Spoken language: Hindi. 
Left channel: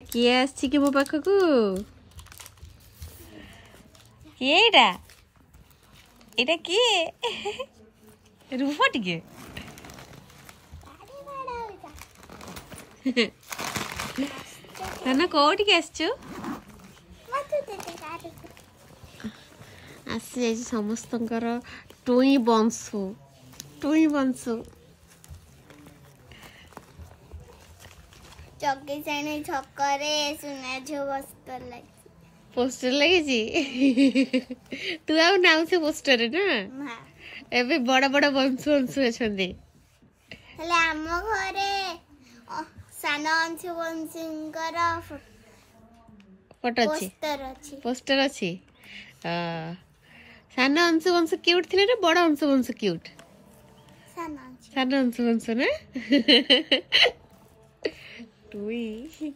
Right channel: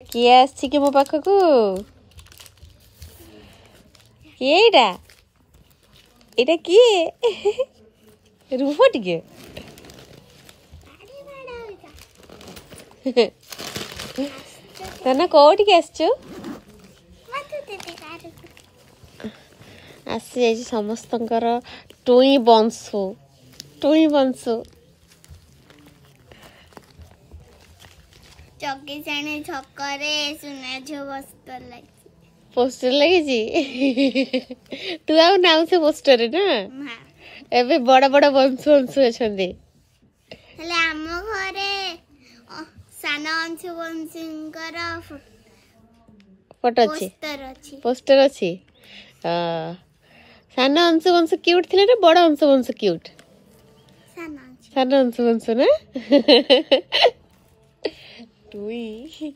किए आसी कि मो पाखक किए एटा किए रुह टिके तने कोठी आसचु आसी जाई समस्तंकर टुई बंसु चौकी जाने छकरे सुना झो पोस्टर लगी तू आ नाउ से पोस्टर ना एबे बड़ा बड़ा बंसु अछंदी हेले आम घरे सान अंशु वंशींकर फोटो पोस्टर अच्छी सान अंशु वंश क्यूट थे ना बड़ा अंशु वंश क्यूट सान अंशु वंश ना टुई